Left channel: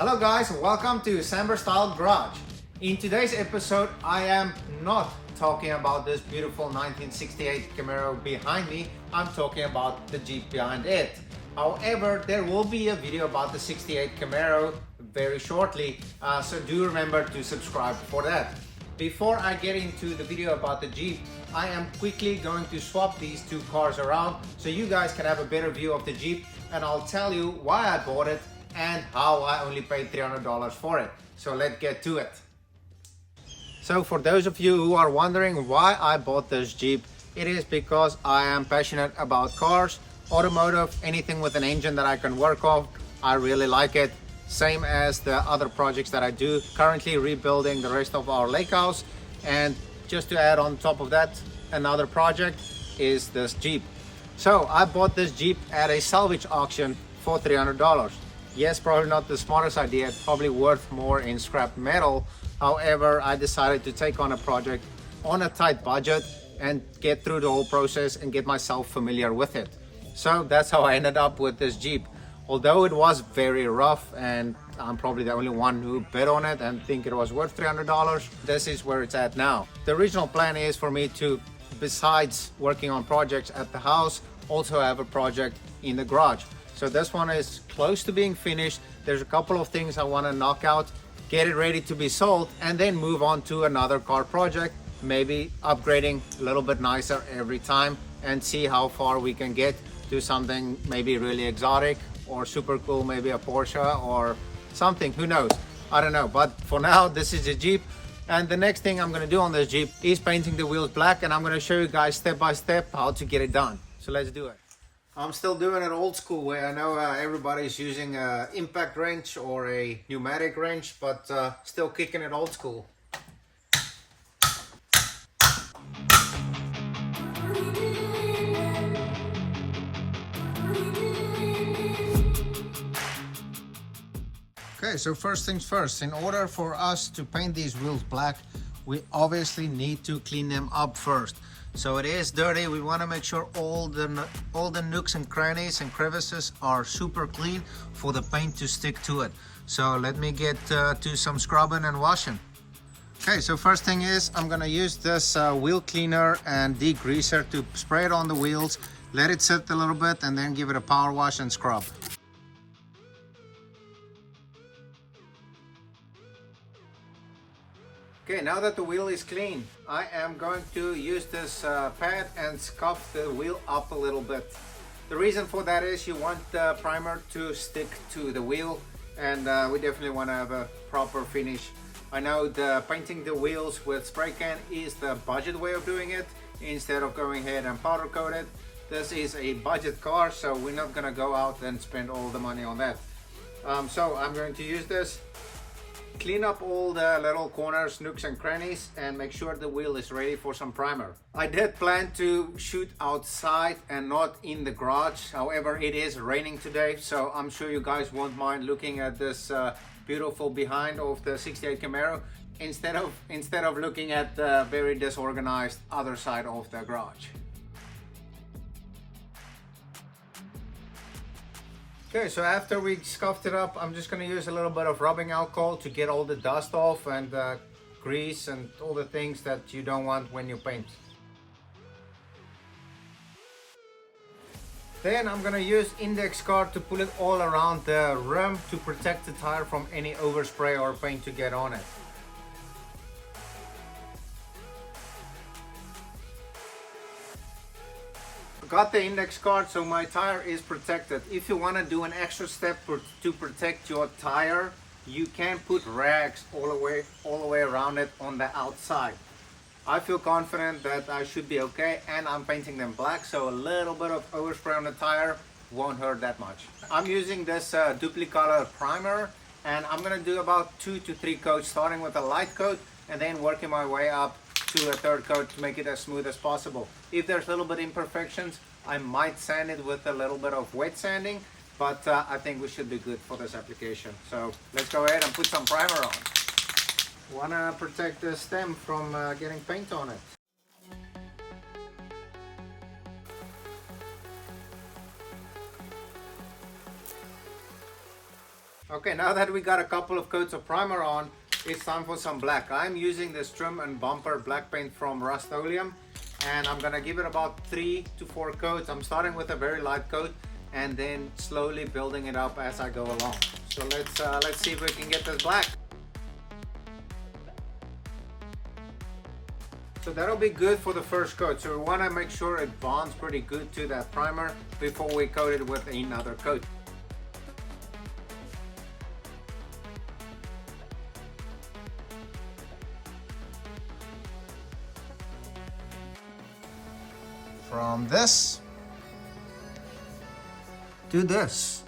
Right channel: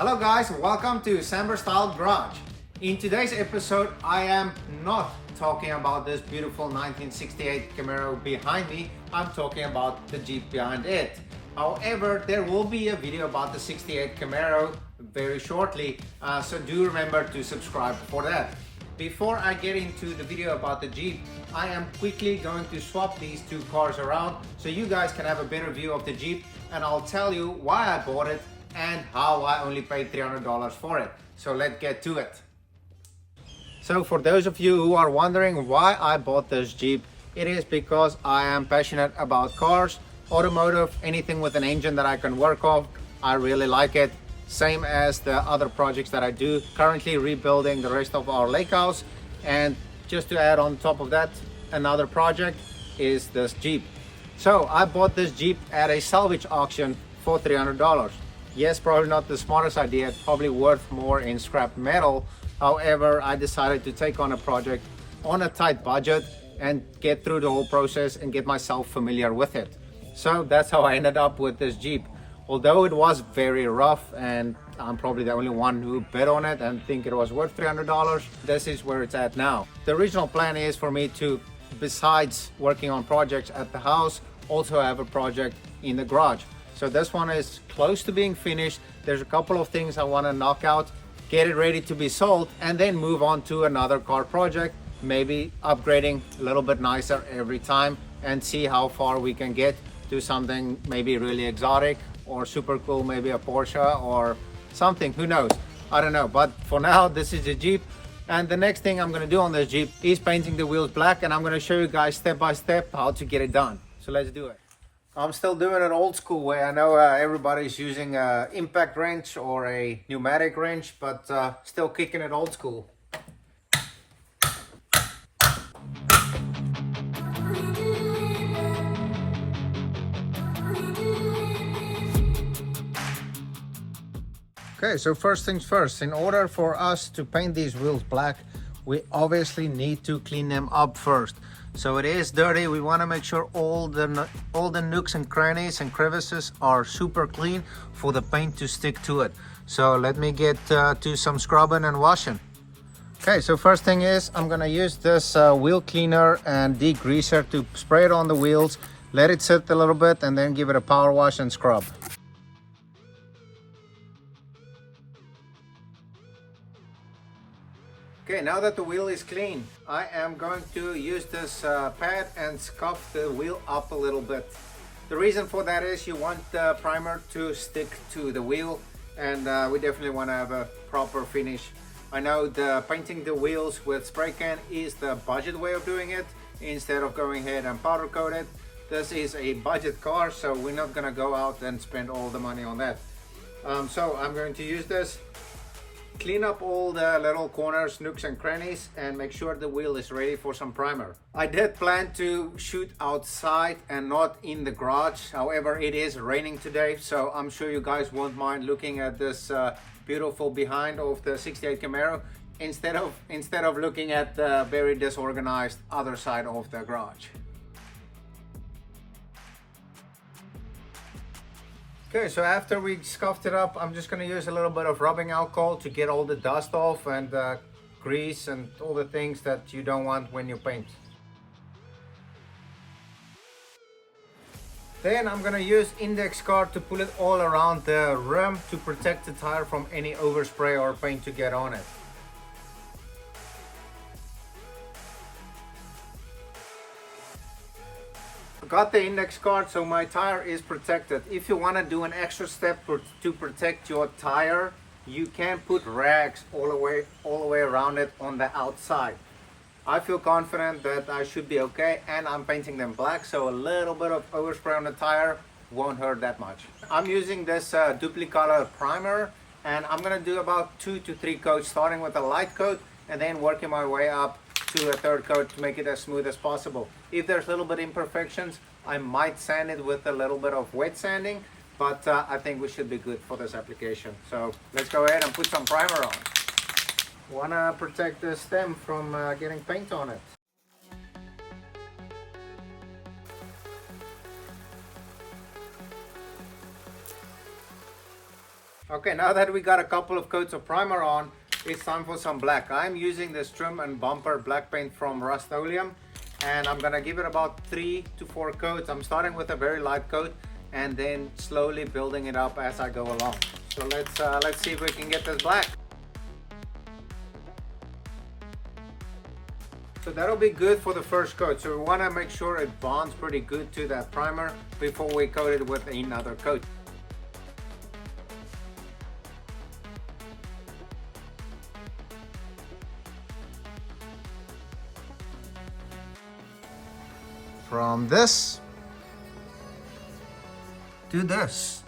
Hello guys, welcome to Samber Style Garage. In today's episode, I am not talking about this beautiful 1968 Camaro behind me. I'm talking about the Jeep behind it. However, there will be a video about the 68 Camaro very shortly, so do remember to subscribe for that. Before I get into the video about the Jeep, I am quickly going to swap these two cars around so you guys can have a better view of the Jeep, and I'll tell you why I bought it and how I only paid $300 for it. So let's get to it. So for those of you who are wondering why I bought this Jeep, it is because I am passionate about cars, automotive, anything with an engine that I can work off. I really like it. Same as the other projects that I do. Currently rebuilding the rest of our lake house. And just to add on top of that, another project is this Jeep. So I bought this Jeep at a salvage auction for $300. Yes, probably not the smartest idea, probably worth more in scrap metal. However, I decided to take on a project on a tight budget and get through the whole process and get myself familiar with it. So that's how I ended up with this Jeep. Although it was very rough and I'm probably the only one who bid on it and think it was worth $300, this is where it's at now. The original plan is for me to, besides working on projects at the house, also have a project in the garage. So this one is close to being finished. There's a couple of things I want to knock out, get it ready to be sold, and then move on to another car project, maybe upgrading a little bit nicer every time and see how far we can get to something maybe really exotic or super cool, maybe a Porsche or something, who knows, I don't know. But for now, this is the Jeep, and the next thing I'm going to do on this Jeep is painting the wheels black, and I'm going to show you guys step by step how to get it done. So let's do it. I'm still doing it old school way. I know everybody's using an impact wrench or a pneumatic wrench, but still kicking it old school. Okay, so first things first, in order for us to paint these wheels black, we obviously need to clean them up first. So it is dirty. We want to make sure all the nooks and crannies and crevices are super clean for the paint to stick to it. So let me get to some scrubbing and washing. Okay, so first thing is I'm gonna use this wheel cleaner and degreaser to spray it on the wheels, let it sit a little bit, and then give it a power wash and scrub. Okay, now that the wheel is clean, I am going to use this pad and scuff the wheel up a little bit. The reason for that is you want the primer to stick to the wheel, and we definitely want to have a proper finish. I know painting the wheels with spray can is the budget way of doing it, instead of going ahead and powder coat it. This is a budget car, so we're not going to go out and spend all the money on that. So I'm going to use this, clean up all the little corners, nooks and crannies, and make sure the wheel is ready for some primer. I did plan to shoot outside and not in the garage. However, it is raining today, so I'm sure you guys won't mind looking at this beautiful behind of the 68 Camaro instead of looking at the very disorganized other side of the garage. Okay, so after we scuffed it up, I'm just going to use a little bit of rubbing alcohol to get all the dust off and grease and all the things that you don't want when you paint. Then I'm going to use index card to pull it all around the rim to protect the tire from any overspray or paint to get on it. Got the index card, so my tire is protected. If you want to do an extra step to protect your tire, you can put rags all the way around it on the outside. I feel confident that I should be okay, and I'm painting them black, so a little bit of overspray on the tire won't hurt that much. I'm using this Duplicolor primer, and I'm gonna do about 2 to 3 coats, starting with a light coat and then working my way up to a third coat to make it as smooth as possible. If there's a little bit imperfections, I might sand it with a little bit of wet sanding, but I think we should be good for this application. So let's go ahead and put some primer on. Want to protect the stem from getting paint on it. Okay, now that we got a couple of coats of primer on, it's time for some black. I'm using this trim and bumper black paint from Rust-Oleum, and I'm gonna give it about 3 to 4 coats. I'm starting with a very light coat and then slowly building it up as I go along. So let's see if we can get this black. So that'll be good for the first coat. So we want to make sure it bonds pretty good to that primer before we coat it with another coat. From this to this.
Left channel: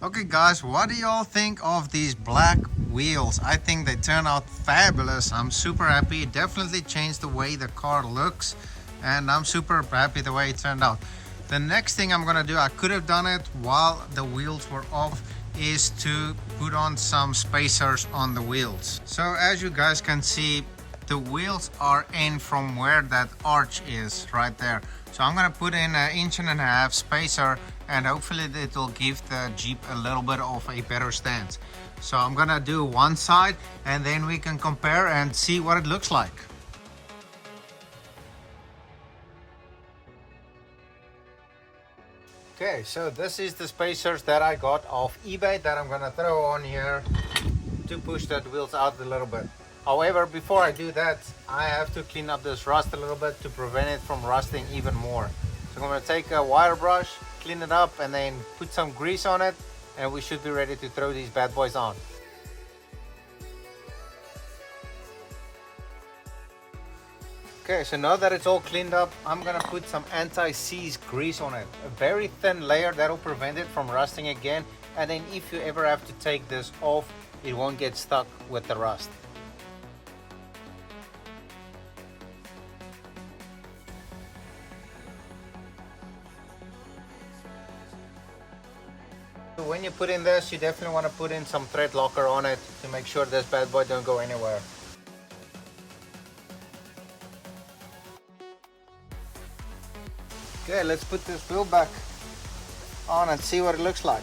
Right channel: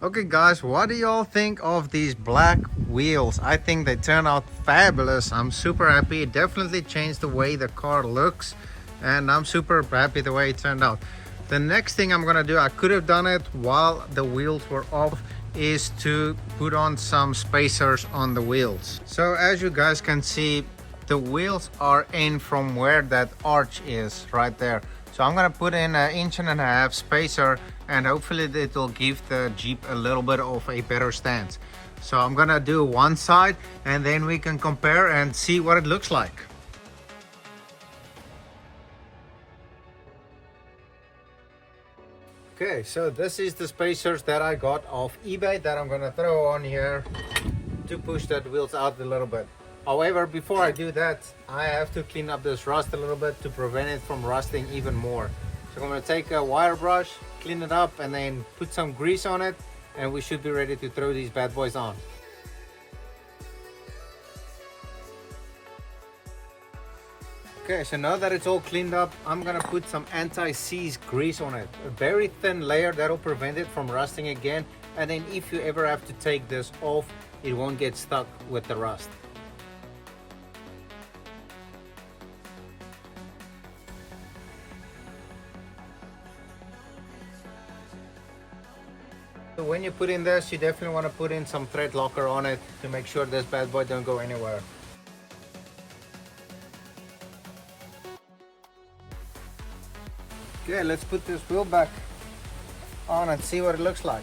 Okay guys, what do y'all think of these black wheels? I think they turn out fabulous. I'm super happy. It definitely changed the way the car looks, and I'm super happy the way it turned out. The next thing I'm gonna do, I could have done it while the wheels were off, is to put on some spacers on the wheels. So as you guys can see, the wheels are in from where that arch is right there. So I'm gonna put in 1.5 inch spacer, and hopefully it will give the Jeep a little bit of a better stance. So I'm gonna do one side and then we can compare and see what it looks like. Okay, so this is the spacers that I got off eBay that I'm gonna throw on here to push that wheels out a little bit. However, before I do that, I have to clean up this rust a little bit to prevent it from rusting even more. So I'm going to take a wire brush, clean it up, and then put some grease on it, and we should be ready to throw these bad boys on. Okay, so now that it's all cleaned up, I'm going to put some anti-seize grease on it. A very thin layer that will prevent it from rusting again, and then if you ever have to take this off, it won't get stuck with the rust. So when you put in this, you definitely want to put in some thread locker on it to make sure this bad boy don't go anywhere. Okay, let's put this wheel back on and see what it looks like.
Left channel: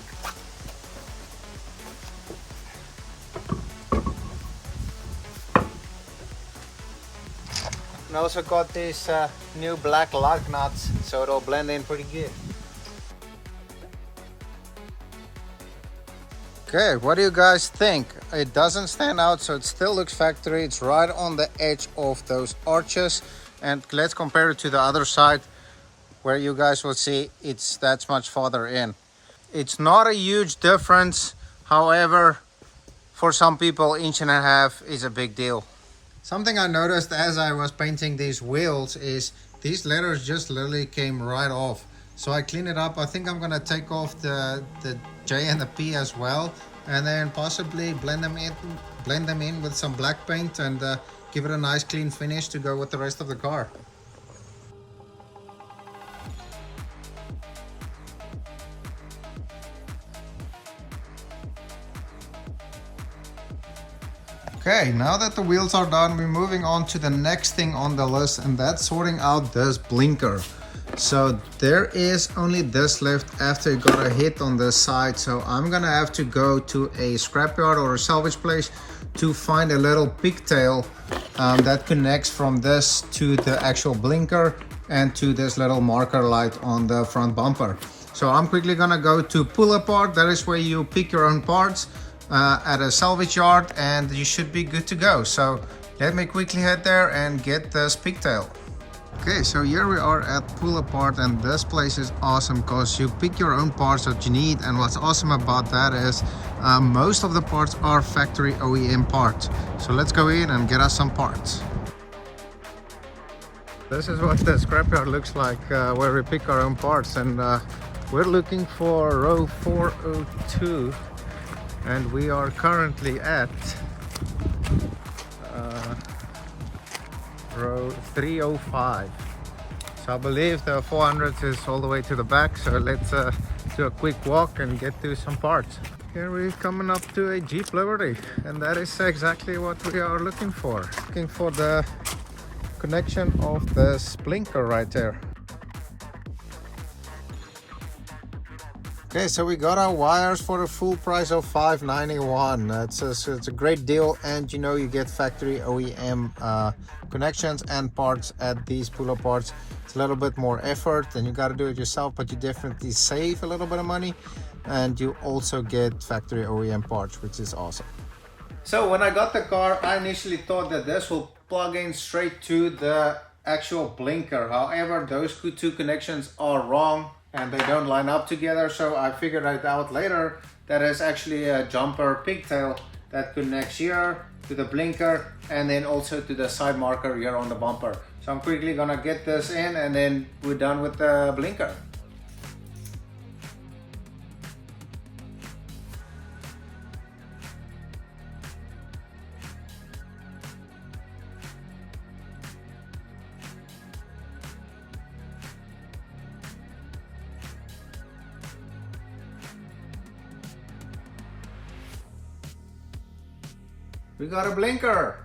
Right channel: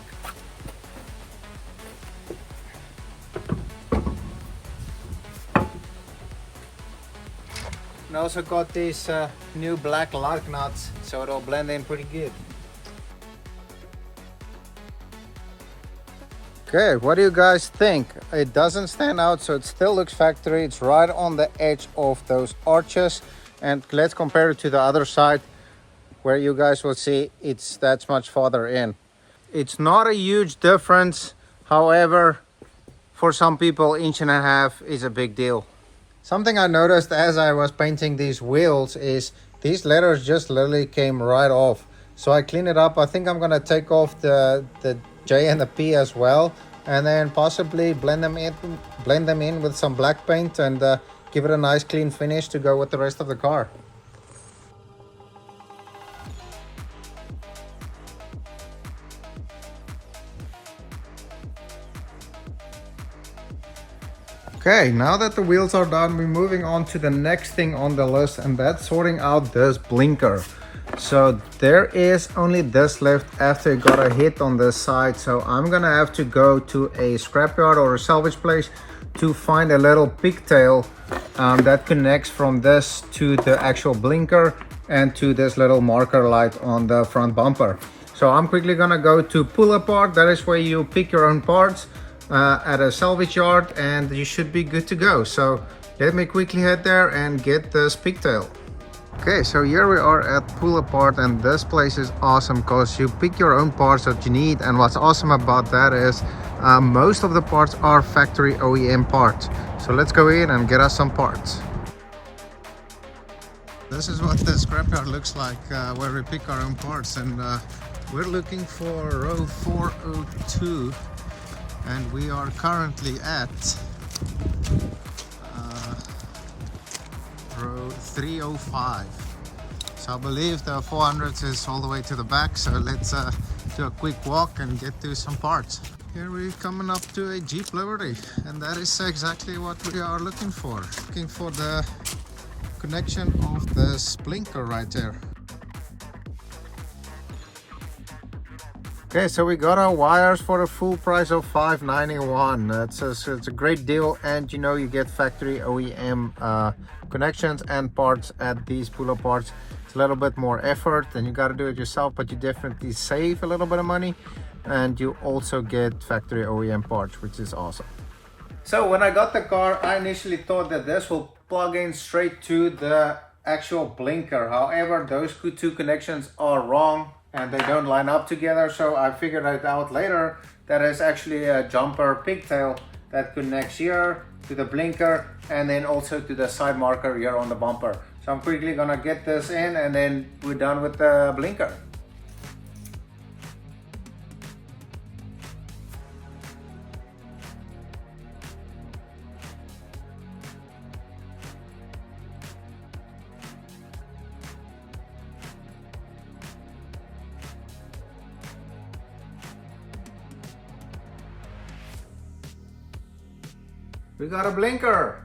And I also got these new black lark nuts, so it'll blend in pretty good. Okay, what do you guys think? It doesn't stand out, so it still looks factory. It's right on the edge of those arches. And let's compare it to the other side where you guys will see it's that's much farther in. It's not a huge difference. However, for some people, 1.5 inches is a big deal. Something I noticed as I was painting these wheels is these letters just literally came right off. So I clean it up. I think I'm gonna take off the J and the P as well, and then possibly blend them in with some black paint and give it a nice clean finish to go with the rest of the car. Okay, now that the wheels are done, we're moving on to the next thing on the list, and that's sorting out this blinker. So there is only this left after it got a hit on this side. So I'm gonna have to go to a scrapyard or a salvage place to find a little pigtail that connects from this to the actual blinker and to this little marker light on the front bumper. So I'm quickly gonna go to Pull Apart. That is where you pick your own parts at a salvage yard, and you should be good to go. So let me quickly head there and get this pigtail. Okay, so here we are at Pull Apart, and this place is awesome because you pick your own parts that you need. And what's awesome about that is most of the parts are factory OEM parts. So let's go in and get us some parts. This is what the scrapyard looks like where we pick our own parts, and we're looking for row 402, and we are currently at row 305. So I believe the 400 is all the way to the back, so let's do a quick walk and get to some parts. Here we're coming up to a Jeep Liberty, and that is exactly what we are looking for. Looking for the connection of this blinker right there. Okay, so we got our wires for a full price of $5.91. It's a great deal, and you know, you get factory OEM connections and parts at these pull-up parts. It's a little bit more effort and you got to do it yourself, but you definitely save a little bit of money, and you also get factory OEM parts, which is awesome. So when I got the car, I initially thought that this will plug in straight to the actual blinker. However, those two connections are wrong and they don't line up together. So I figured it out later that is actually a jumper pigtail that connects here to the blinker and then also to the side marker here on the bumper. So I'm quickly gonna get this in and then we're done with the blinker. We got a blinker.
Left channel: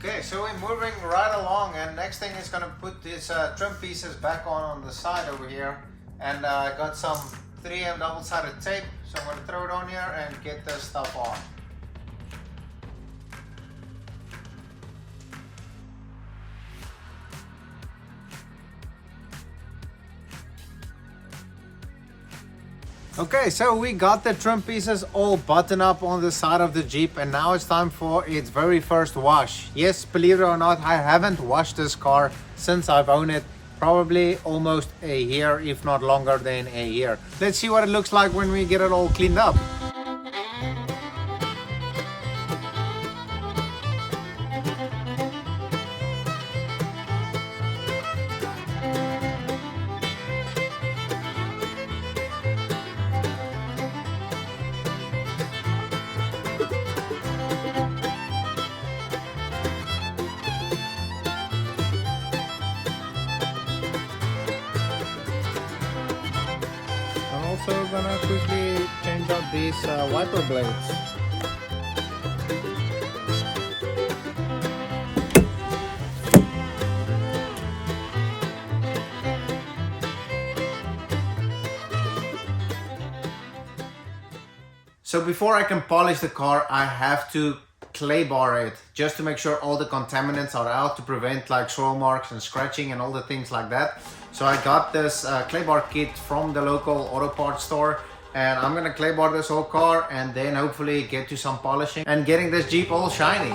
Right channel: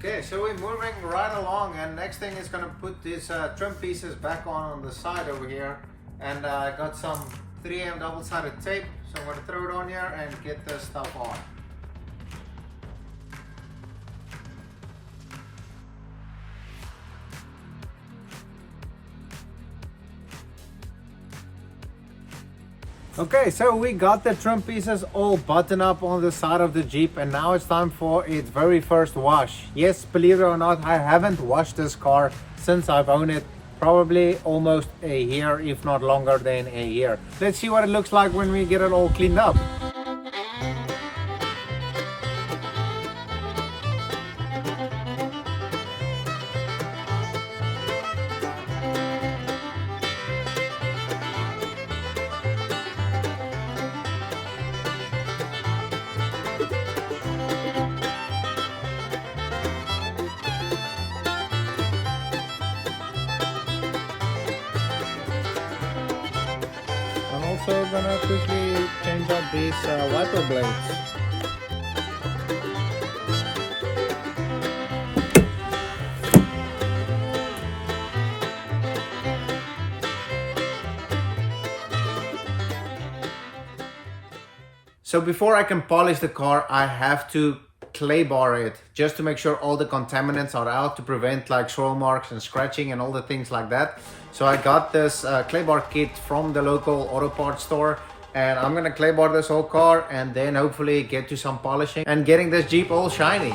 Okay, so we're moving right along, and next thing is gonna put these trim pieces back on the side over here, and I got some 3M double-sided tape, so I'm gonna throw it on here and get this stuff on. Okay, so we got the trim pieces all buttoned up on the side of the Jeep, and now it's time for its very first wash. Yes, believe it or not, I haven't washed this car since I've owned it, probably almost a year, if not longer than a year. Let's see what it looks like when we get it all cleaned up. Also gonna quickly change out these wiper blades. So before I can polish the car, I have to clay bar it just to make sure all the contaminants are out, to prevent like swirl marks and scratching and all the things like that. So I got this clay bar kit from the local auto parts store, and I'm gonna clay bar this whole car and then hopefully get to some polishing and getting this Jeep all shiny.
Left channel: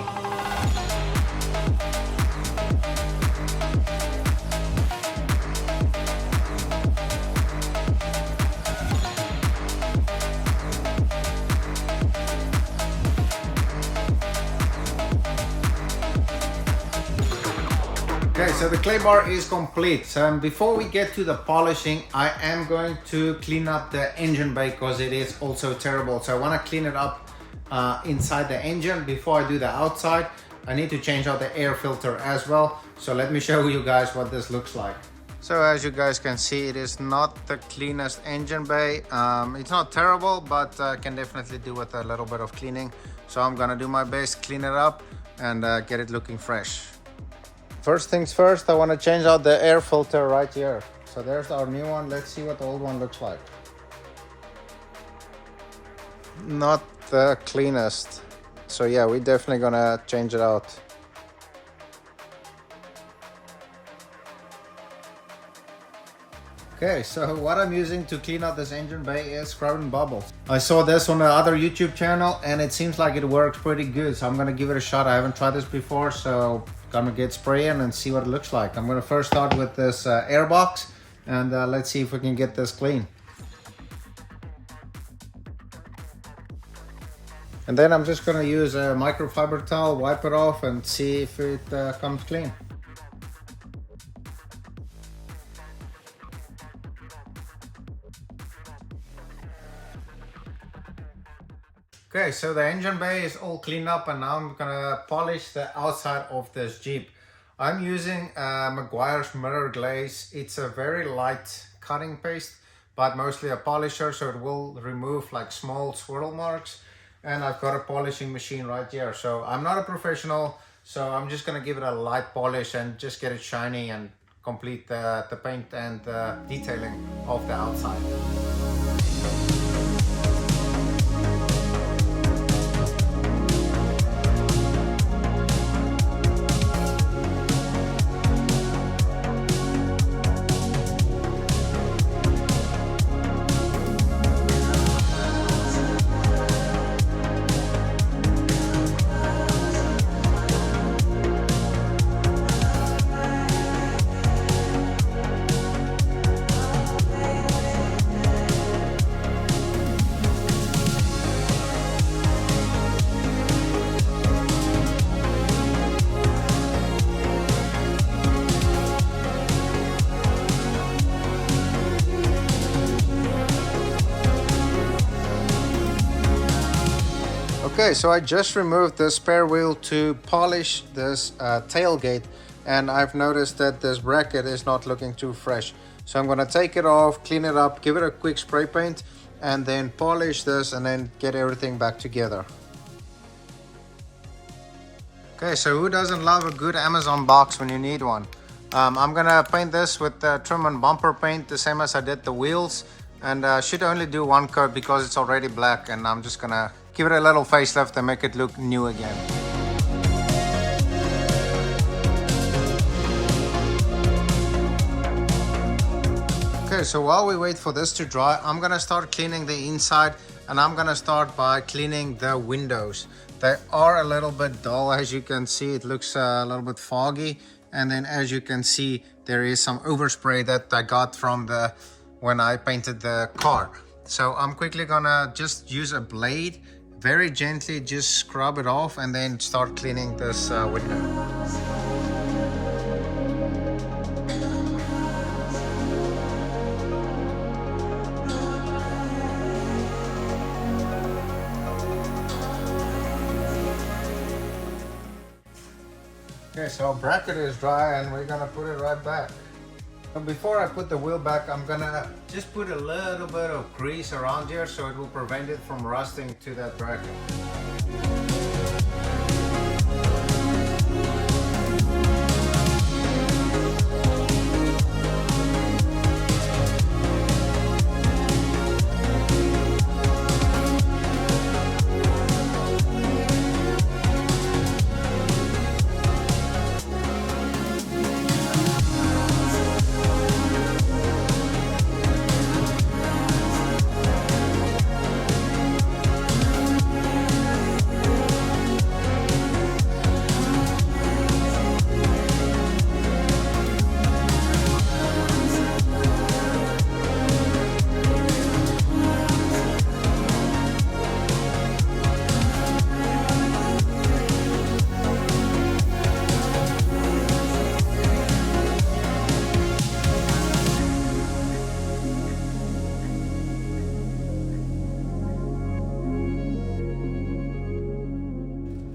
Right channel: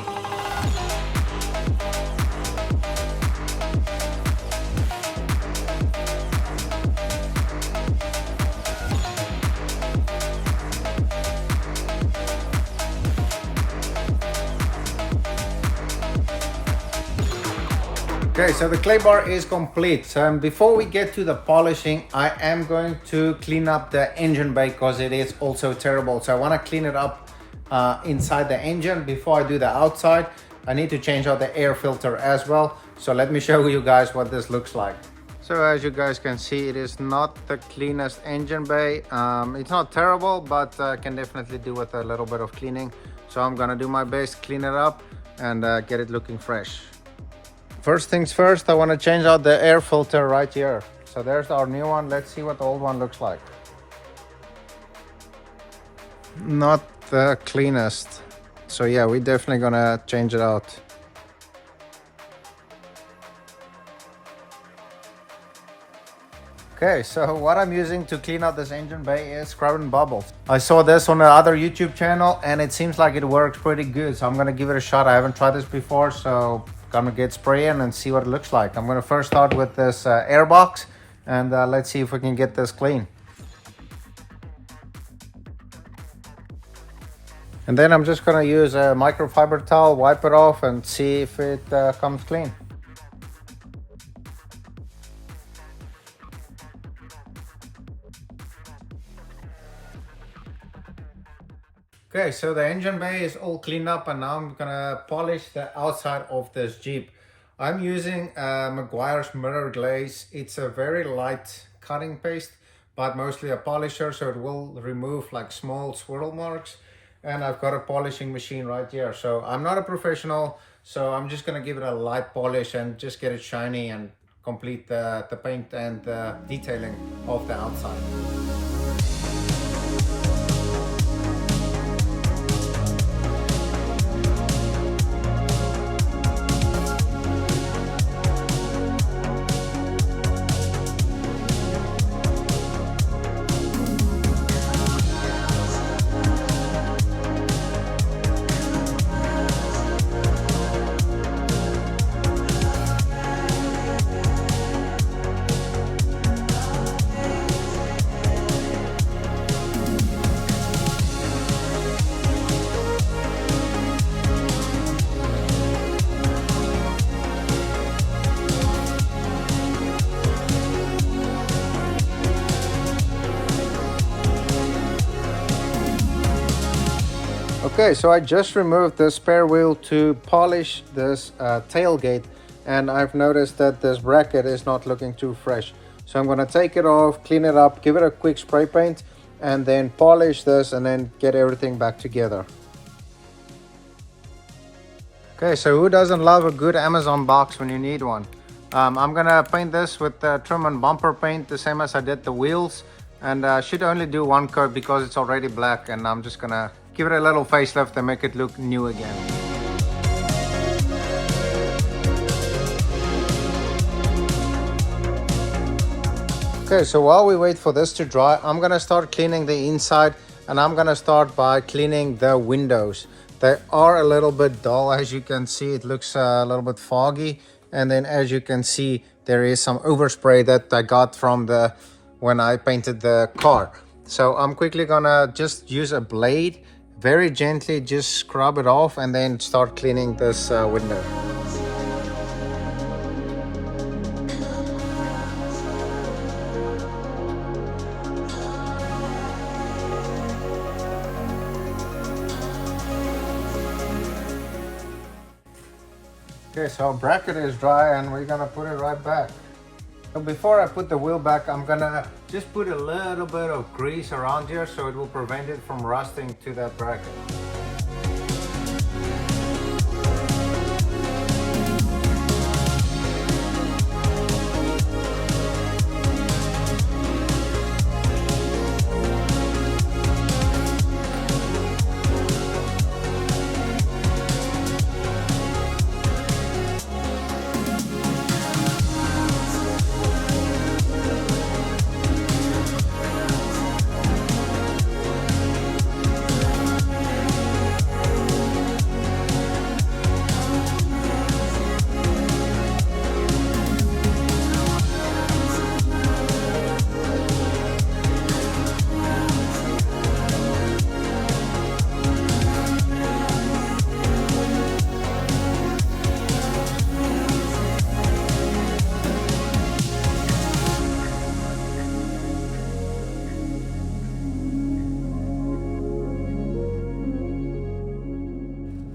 Okay, so the clay bar is complete. So before we get to the polishing, I am going to clean up the engine bay because it is also terrible. So I want to clean it up inside the engine before I do the outside. I need to change out the air filter as well. So let me show you guys what this looks like. So as you guys can see, it is not the cleanest engine bay. It's not terrible, but can definitely do with a little bit of cleaning. So I'm gonna do my best, clean it up and get it looking fresh. First things first, I want to change out the air filter right here. So there's our new one. Let's see what the old one looks like. Not the cleanest. So yeah, we're definitely gonna change it out. Okay, so what I'm using to clean out this engine bay is scrub and bubbles. I saw this on another YouTube channel and it seems like it works pretty good. So I'm gonna give it a shot. I haven't tried this before, so gonna get spray in and see what it looks like. I'm gonna first start with this air box and let's see if we can get this clean. And then I'm just gonna use a microfiber towel, wipe it off and see if it comes clean. Okay, so the engine bay is all cleaned up and now I'm gonna polish the outside of this Jeep. I'm using Meguiar's mirror glaze. It's a very light cutting paste, but mostly a polisher, so it will remove like small swirl marks. And I've got a polishing machine right here. So I'm not a professional, so I'm just gonna give it a light polish and just get it shiny and complete the paint and detailing of the outside. Okay, so I just removed the spare wheel to polish this tailgate, and I've noticed that this bracket is not looking too fresh. So I'm gonna take it off, clean it up, give it a quick spray paint, and then polish this and then get everything back together. Okay, so who doesn't love a good Amazon box when you need one? I'm gonna paint this with the trim and bumper paint, the same as I did the wheels, and should only do one coat because it's already black, and I'm just gonna give it a little facelift and make it look new again. Okay, so while we wait for this to dry, I'm gonna start cleaning the inside, and I'm gonna start by cleaning the windows. They are a little bit dull, as you can see. It looks a little bit foggy, and then as you can see, there is some overspray that I got from when I painted the car. So I'm quickly gonna just use a blade, very gently just scrub it off, and then start cleaning this window. Okay, so our bracket is dry and we're gonna put it right back. So before I put the wheel back, I'm gonna just put a little bit of grease around here so it will prevent it from rusting to that bracket.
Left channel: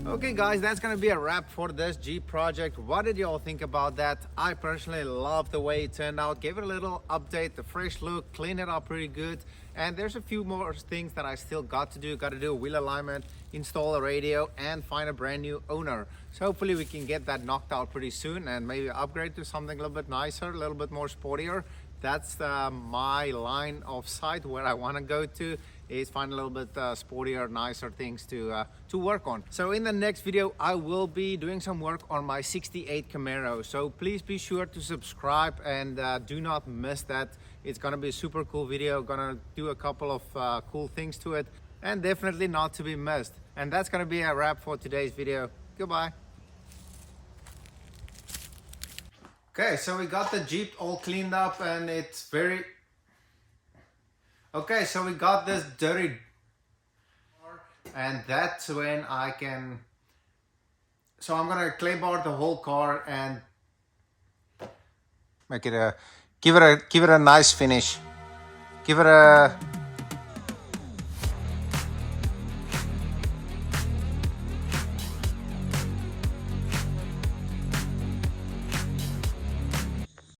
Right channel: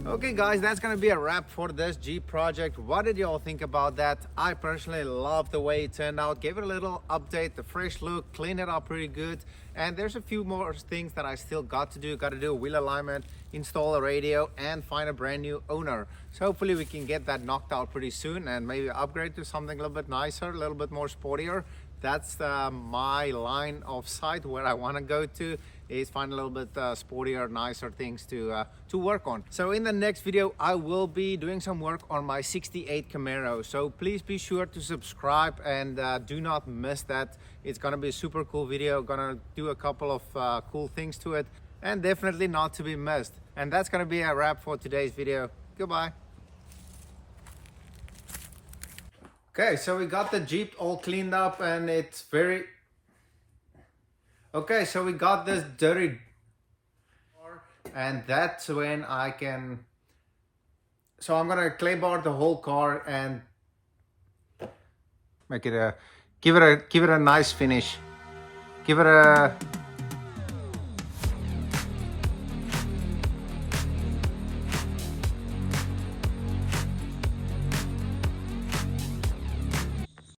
Okay guys, that's gonna be a wrap for this Jeep project. What did y'all think about that? I personally love the way it turned out. Gave it a little update, the fresh look, cleaned it up pretty good. And there's a few more things that I still got to do. Got to do a wheel alignment, install a radio, and find a brand new owner. So hopefully we can get that knocked out pretty soon and maybe upgrade to something a little bit nicer, a little bit more sportier. That's my line of sight where I want to go to, is find a little bit sportier, nicer things to work on. So in the next video, I will be doing some work on my 68 Camaro. So please be sure to subscribe and do not miss that. It's gonna be a super cool video. Gonna do a couple of cool things to it, and definitely not to be missed. And that's gonna be a wrap for today's video. Goodbye. Okay, so we got the Jeep all cleaned up and it's very... Okay, so we got this dirty... And that's when I can... So I'm gonna clay bar the whole car and make it a... Give it a nice finish. Give it a